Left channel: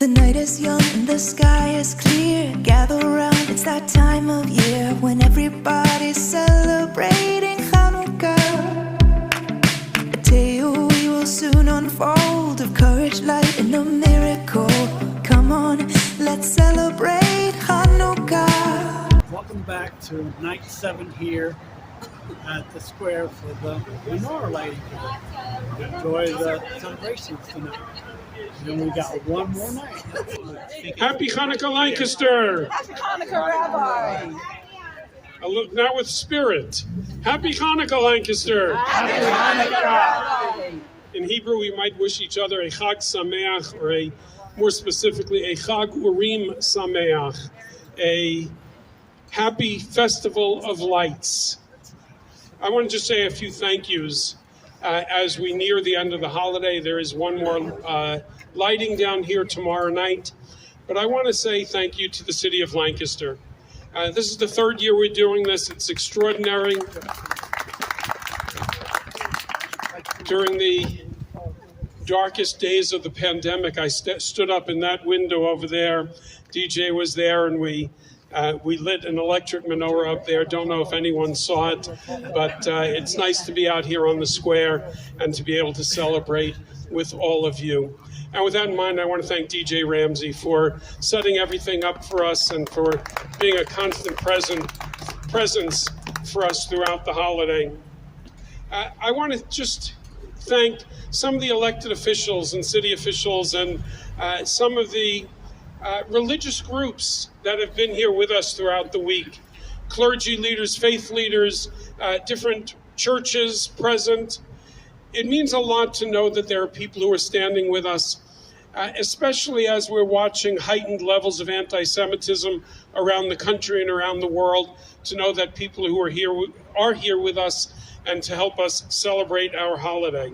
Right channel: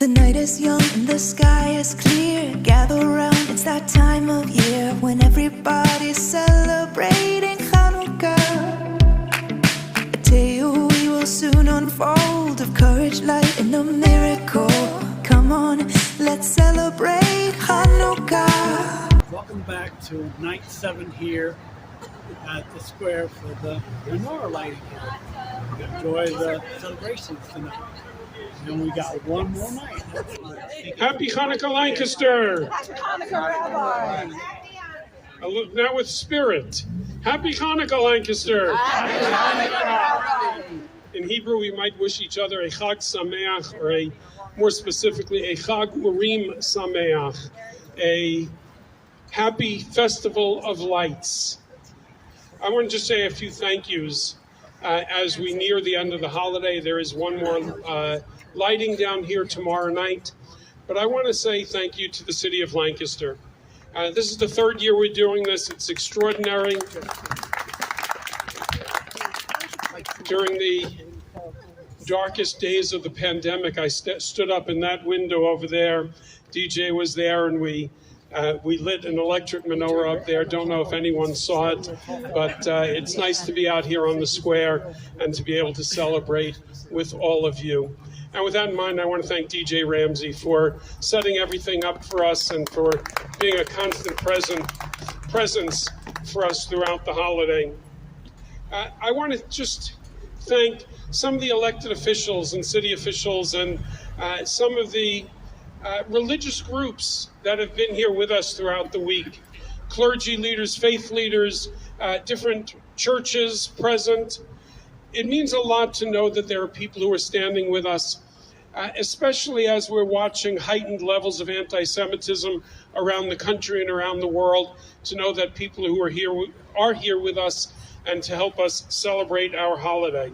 The night is young and the sky is clear. Gather round, it's that time of year when everybody's celebrating Hanukkah. A tale we will soon unfold of courage, light, and a miracle. Come on, let's celebrate Hanukkah. Welcome back to night 7 here at the square for the Menorah Lighting. Enjoy the celebrations tonight. And we got one more night. Happy Hanukkah, Lancaster! Happy Hanukkah, Rabbi! I look now with spirit. Happy Hanukkah, Lancaster! Happy Hanukkah! In Hebrew, we might wish each other a Chag Sameach, or more specifically, a Chag Urim Sameach, a happy festival of lights. I want to just say a few thank yous as we near the end of the holiday. There is one more lighting down here tomorrow night, but I want to say thank you to the city of Lancaster. This is the 3rd year we're doing this. It's extraordinary. During the darkest days of the pandemic, I stood up in that window over there. DJ was there, and we lit an electric menorah up there. Don't know if anyone saw it, but it's nice to be out here on the square and to be able to celebrate with all of you. And with that in mind, I want to thank DJ Ramsey for setting everything up for us and for being a constant presence for us throughout the holiday. I want to just thank some of the elected officials and city officials and some of the religious groups that have been here with us throughout the week. Clergy leaders, faith leaders, different churches present. It means a lot to know that there are people who are standing with us, especially as we're watching heightened levels of anti-Semitism around the country and around the world, to know that people who are here with us and to help us celebrate our holiday.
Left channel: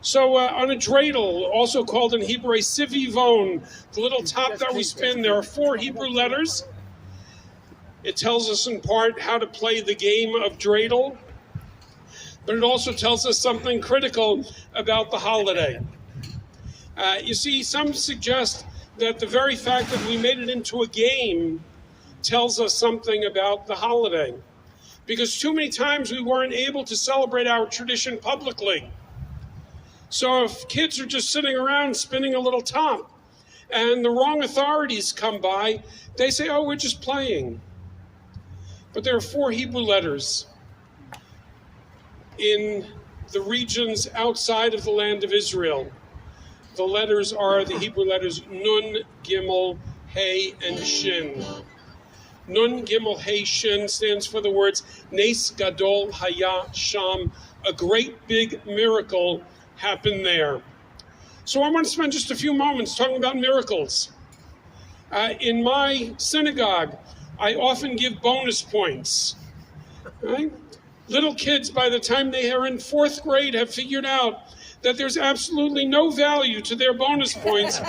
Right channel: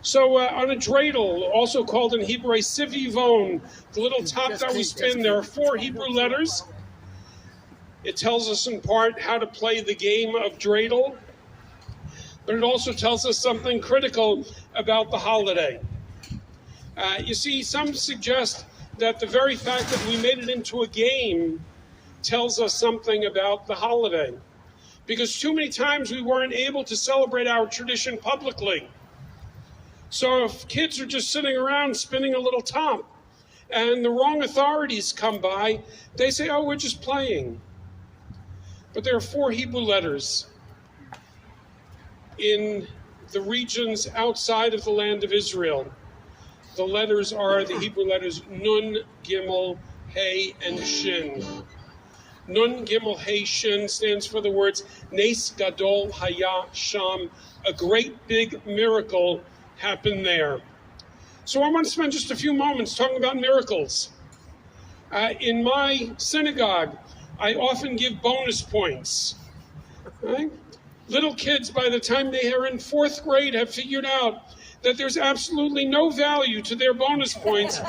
So on a dreidel, also called in Hebrew a sivivon, the little top that we spin, there are 4 Hebrew letters. It tells us in part how to play the game of dreidel, but it also tells us something critical about the holiday. You see, some suggest that the very fact that we made it into a game tells us something about the holiday, because too many times we weren't able to celebrate our tradition publicly. So if kids are just sitting around spinning a little top and the wrong authorities come by, they say, oh, we're just playing. But there are 4 Hebrew letters in the regions outside of the land of Israel. The letters are the Hebrew letters Nun, Gimel, Hey, and Shin. Nun, Gimel, Hey, Shin stands for the words Nes Gadol Haya Sham, a great big miracle happened there. So I want to spend just a few moments talking about miracles. In my synagogue, I often give bonus points. Right? Little kids, by the time they are in 4th grade, have figured out that there's absolutely no value to their bonus points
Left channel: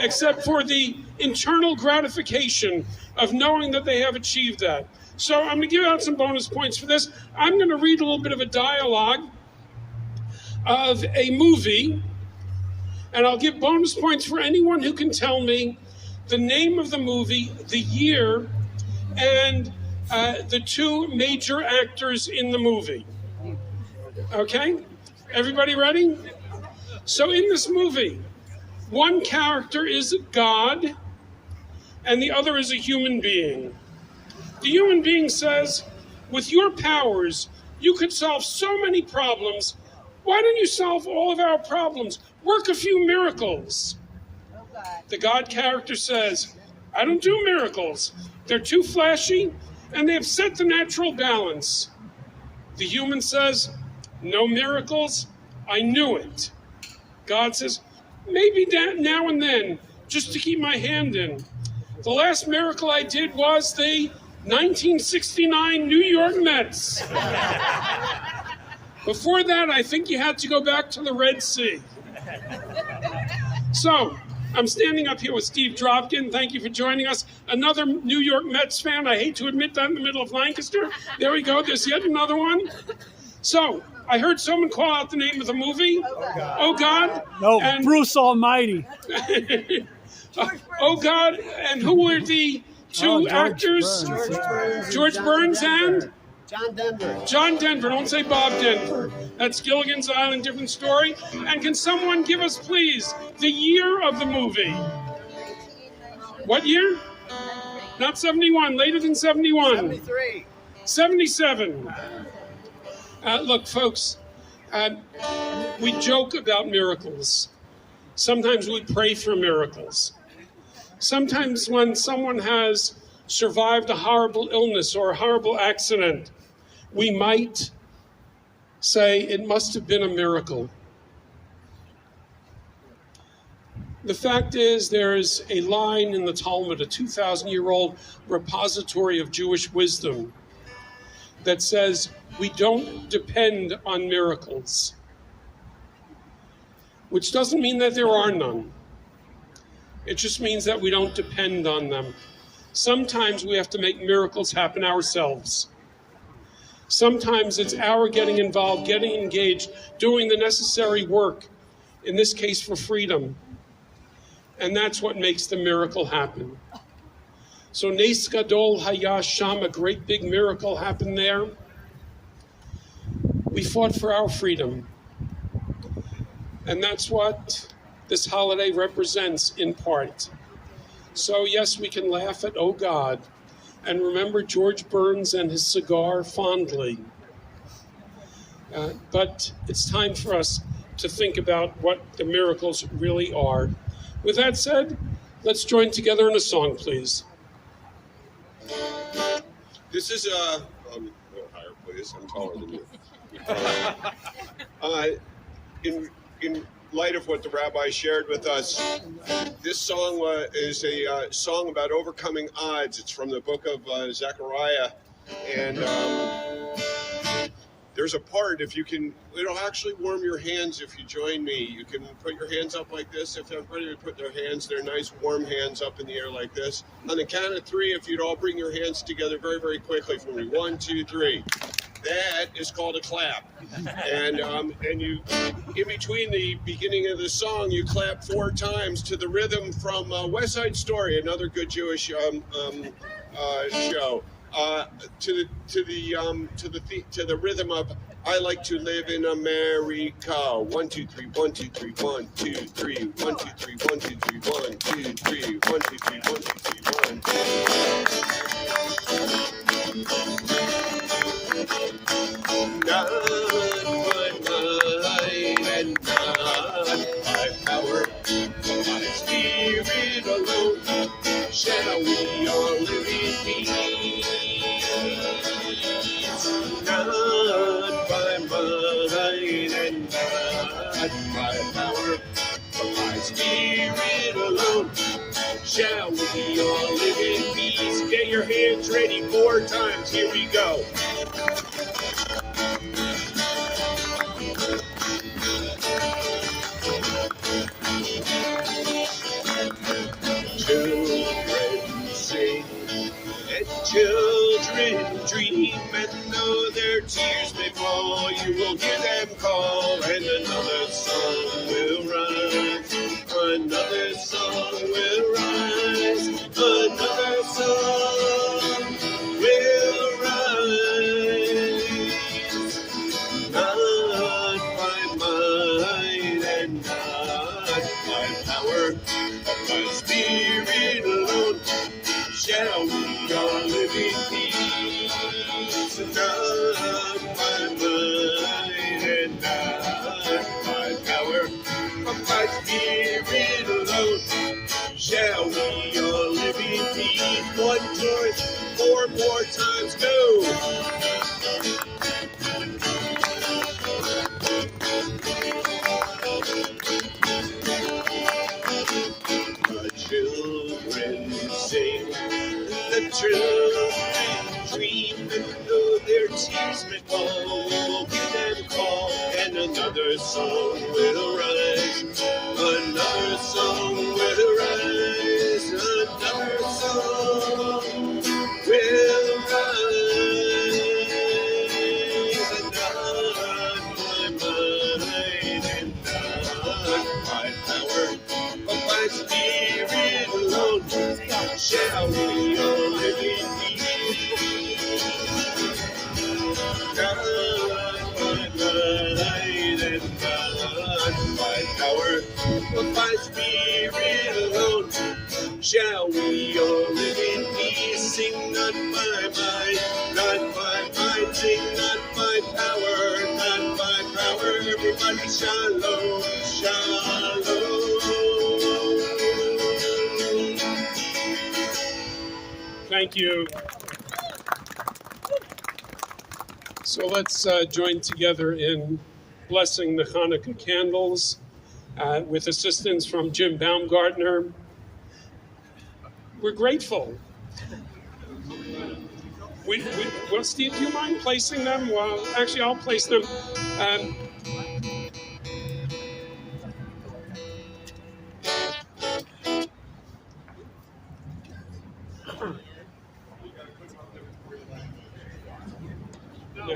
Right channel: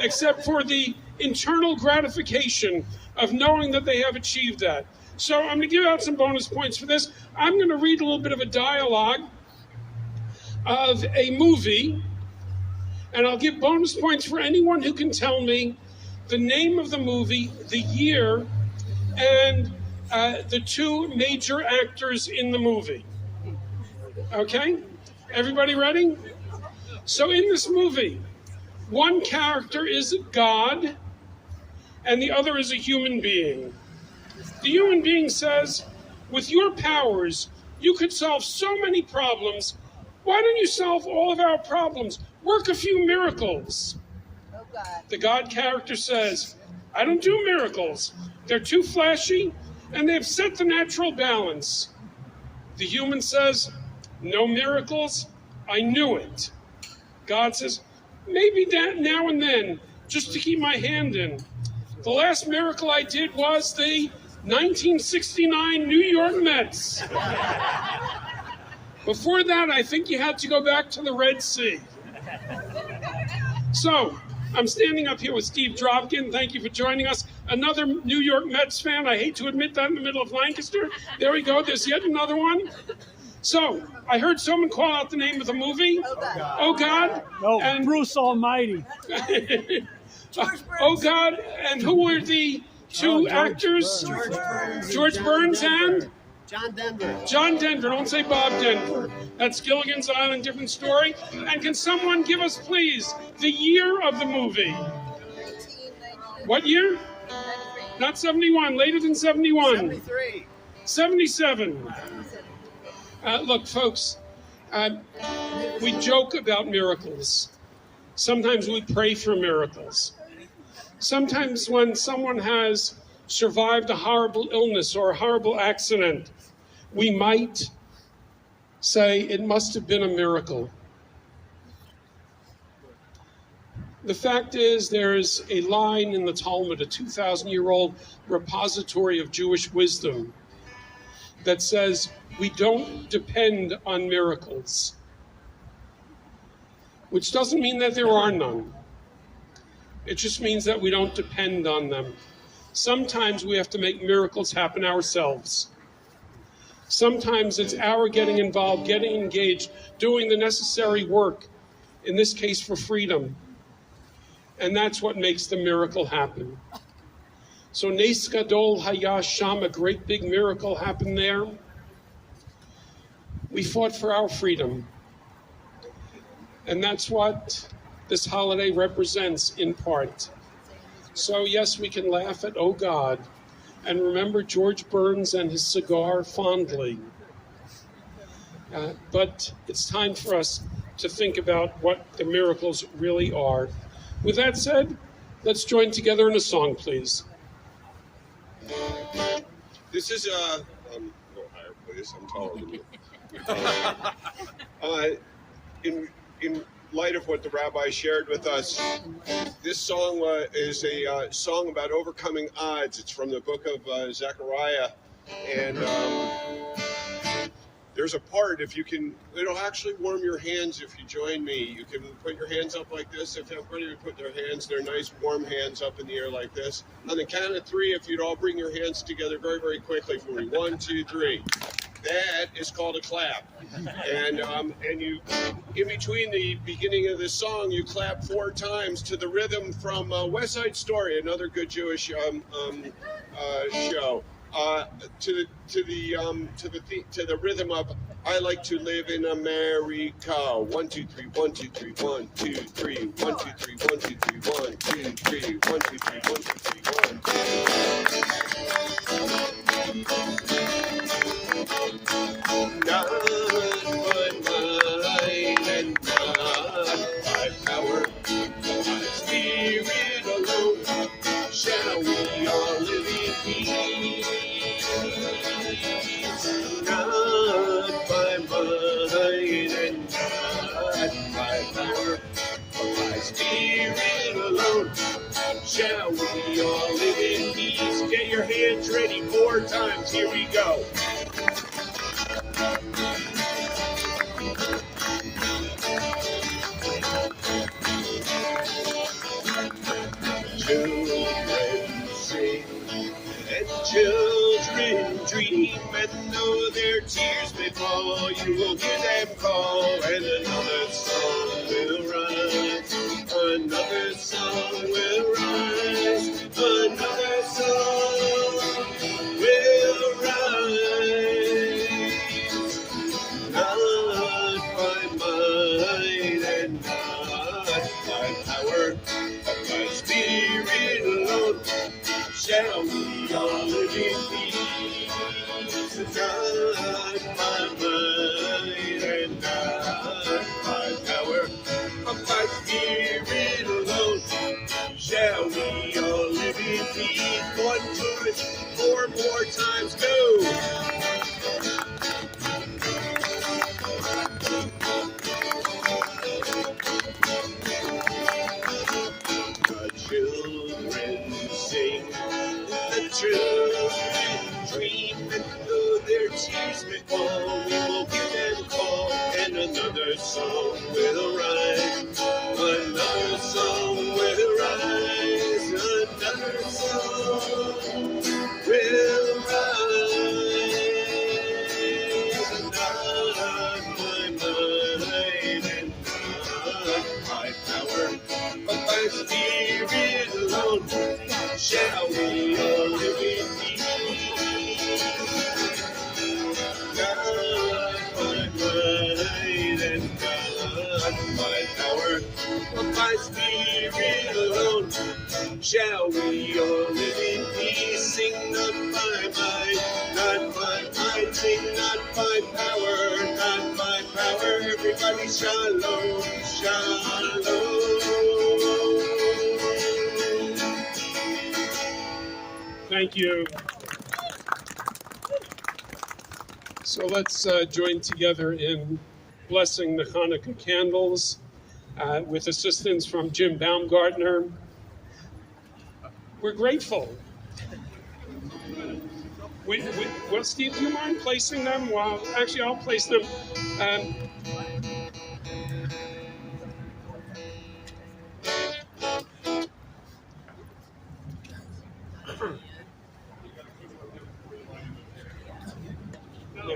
except for the internal gratification of knowing that they have achieved that. So I'm going to give out some bonus points for this. I'm going to read a little bit of a dialogue of a movie, and I'll give bonus points for anyone who can tell me the name of the movie, the year, and the 2 major actors in the movie. Okay? Everybody ready? So in this movie, one character is God, and the other is a human being. The human being says, with your powers, you could solve so many problems. Why don't you solve all of our problems? Work a few miracles. The God character says, I don't do miracles. They're too flashy, and they upset the natural balance. The human says, no miracles? I knew it. God says, maybe that now and then, just to keep my hand in. The last miracle I did was the 1969 New York Mets. Before that, I think you had to go back to the Red Sea. So, I'm standing up here with Steve Dropkin. Thank you for joining us. Another New York Mets fan. I hate to admit that in the middle of Lancaster. There we go. There's yet another one. So, I heard someone call out the name of the movie. Oh, God. No, and Bruce Almighty. Oh God, and who were the two actors? George Burns and? John Denver. John Denver. Don't say Bob Denver. That's Gilligan's Island, different story. And can someone give us, please, the year of the movie? What year? Not 71. Later than 71. 73. 77. Look, folks, we joke about miracles. Sometimes we pray for miracles. Sometimes when someone has survived a horrible illness or a horrible accident, we might say it must have been a miracle. The fact is, there is a line in the Talmud, a 2,000-year-old repository of Jewish wisdom, that says we don't depend on miracles, which doesn't mean that there are none. It just means that we don't depend on them. Sometimes we have to make miracles happen ourselves. Sometimes it's our getting involved, getting engaged, doing the necessary work, in this case for freedom. And that's what makes the miracle happen. So Nes Gadol Haya Sham, a great big miracle happened there. We fought for our freedom. And that's what this holiday represents in part. So yes, we can laugh at Oh God, and remember George Burns and his cigar fondly. But it's time for us to think about what the miracles really are. With that said, let's join together in a song, please. This is a little higher, please. I'm taller than you. In light of what the rabbi shared with us, this song is a song about overcoming odds. It's from the book of Zechariah, and there's a part, it'll actually warm your hands if you join me. You can put your hands up like this. If everybody would put their nice warm hands up in the air like this. On the count of three, if you'd all bring your hands together very, very quickly for me. 1, 2, 3. That is called a clap. And you, in between the beginning of this song, you clap 4 times to the rhythm from West Side Story, another good Jewish show. To the rhythm of I like to live in America. 1, 2, 3, 1, 2, 3, 1, 2, 3, 1, 2, 3, 1, 2, 3, 1, 2, 3, 1, 2, 3, 1, 2, 3, 1. Not by might and not by power, but by Spirit alone shall we all live in peace. Not by might and not by power, but by Spirit alone shall we all live in peace. Get your hands ready 4 times. Here we go. Children sing and children dream, and though their tears may fall, you will hear them call, and another song will rise, another song will rise, another song will rise. Not by might and not by power, but by Spirit alone shall we all live in peace. Not by might and not by power, but by Spirit alone shall we all live in peace. 1 George, 4 more times, go. The children sing, the children dream, and though their tears may fall, we will hear them call, and another song will arise, another song will arise, another song will rise. Not by might and not by power, but by Spirit shall we all live in peace. Not by might and not by power, but by Spirit alone, shall we all live in peace. Sing not by might, sing not by power, not by power. Everybody shalom, shalom. Thank you. So let's join together in blessing the Hanukkah candles with assistance from Jim Baumgartner. We're grateful. Well, Steve, do you mind placing them? Well, actually, I'll place them.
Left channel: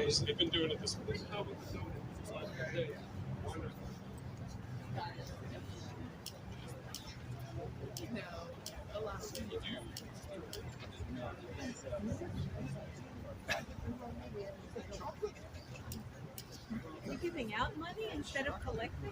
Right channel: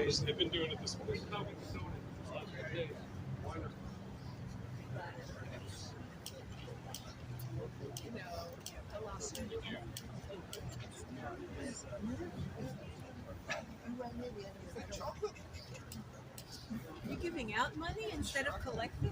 Yes, they've been doing it this way. You're giving out money instead of collecting?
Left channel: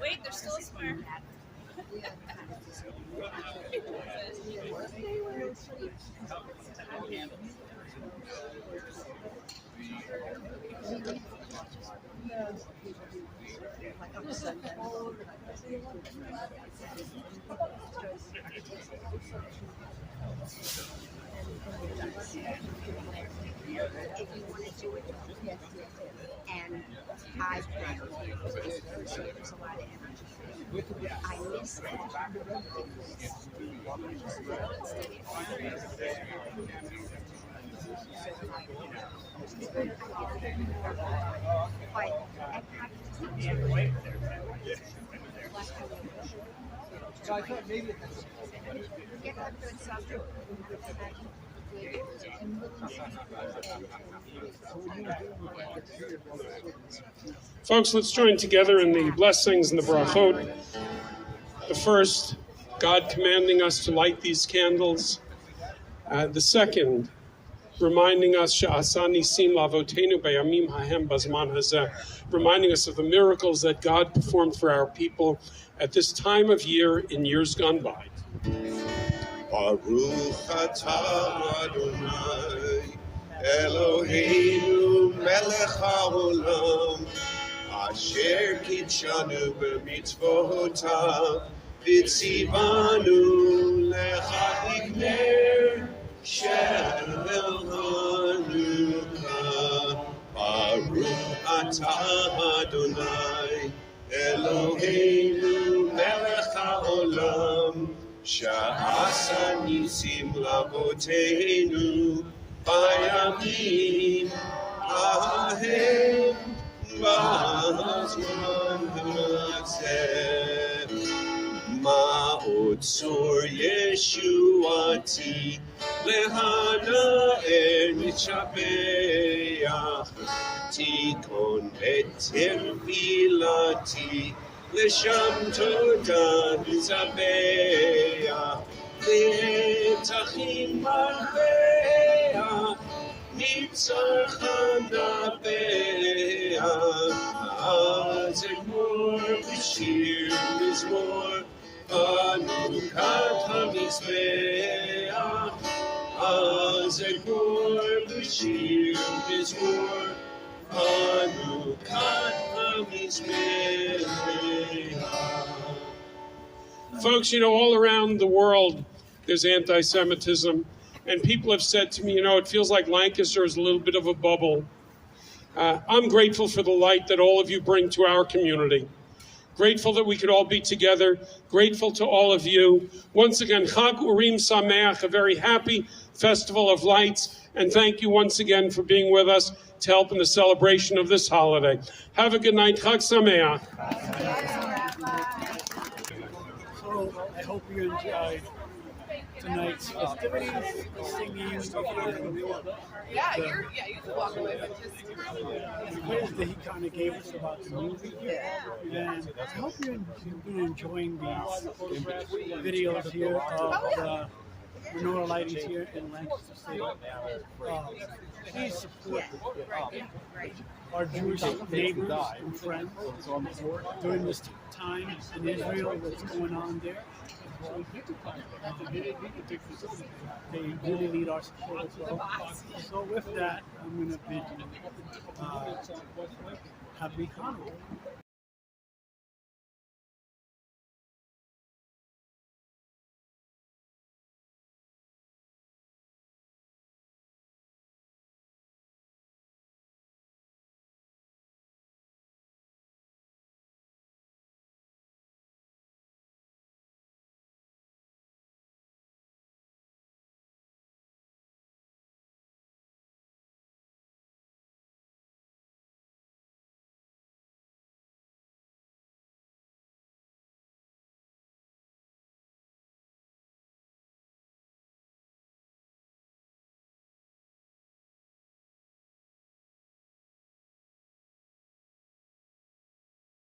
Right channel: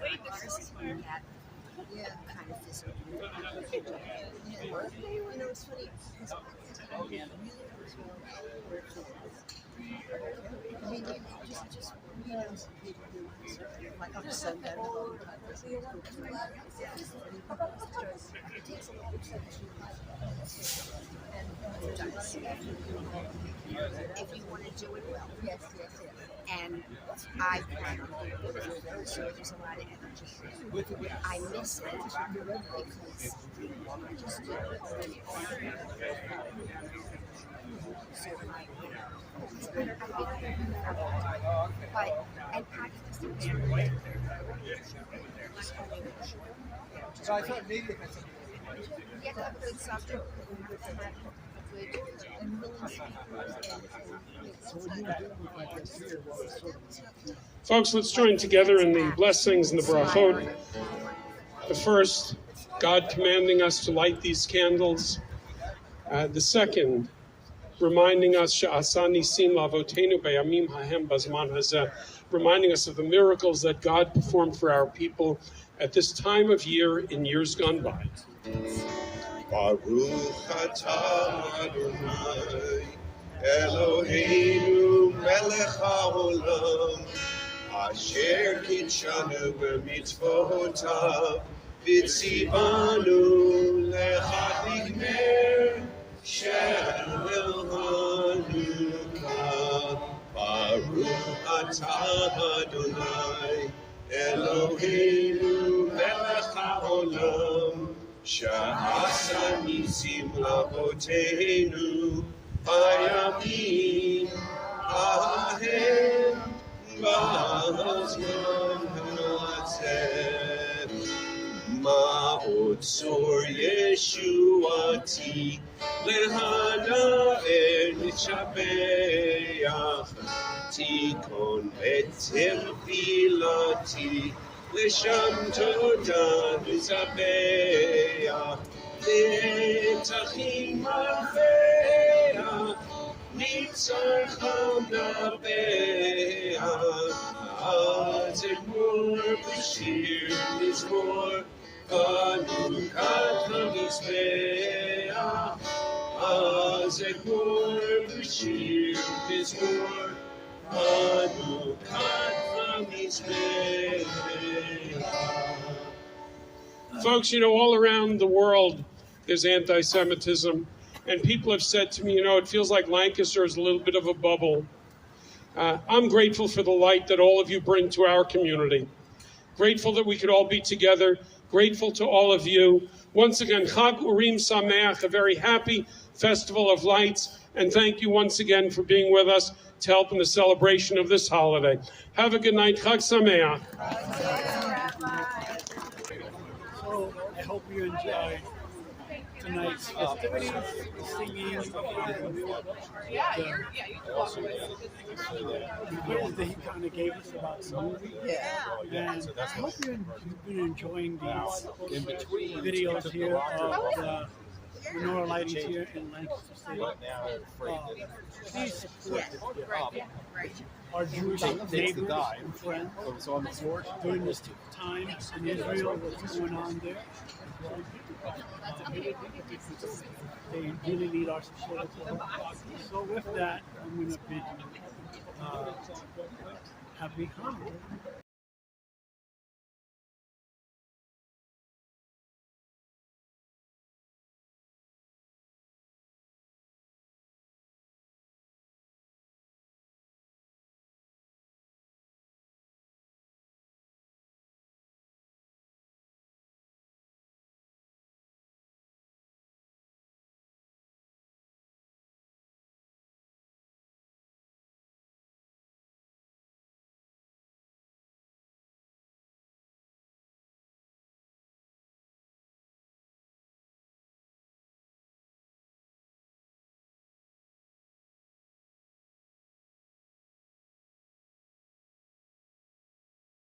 Wait, there's still square. If you want to do it well. Yes, yes, yes. And I plan so there's a lot of energy. I miss that because but at practice, So I thought maybe get a good subject. Folks, let's join together in the blessings and the brachot. The first, God commanding us to light these candles. The second, reminding us, Sha'asani sim lavotenu b'yamim hahem bazman hazeh, reminding us of the miracles that God performed for our people at this time of year in years gone by. Baruch atah Adonai Eloheinu melech haolam asher kitshanu b'mitzvotav v'tzivanu lechadlik ner shel Hanukkah. Baruch atah Adonai Eloheinu melech haolam Sha'asa nisim lavotenu bayamim ahem b'zman hazeh. Ma'od tzor yeshuati lehana'er nitzabeach tikon et tefilati לשם תודה נזבח, נצחים מלכיה, ניצחם נבח, אז אמור Hazekor Bashir Bizor Hanukkah Folks, you know, all around the world there's anti-Semitism, and people have said to me, you know, it feels like Lancaster is a little bit of a bubble. I'm grateful for the light that all of you bring to our community. Grateful that we could all be together. Grateful to all of you. Once again, Chag Urim Sameach, a very happy festival of lights. And thank you once again for being with us to help in the celebration of this holiday. Have a good night. Chag Sameach. So I hope you enjoyed tonight's festivities, singing, and the quiz that he kind of gave us about the movie. And I hope you've been enjoying these videos here of the Menorah Lighting here in Lancaster State. Please support our Jewish neighbors and friends during this time in Israel, what's going on there. They really need our support as well. So with that, I'm going to bid you happy Hanukkah.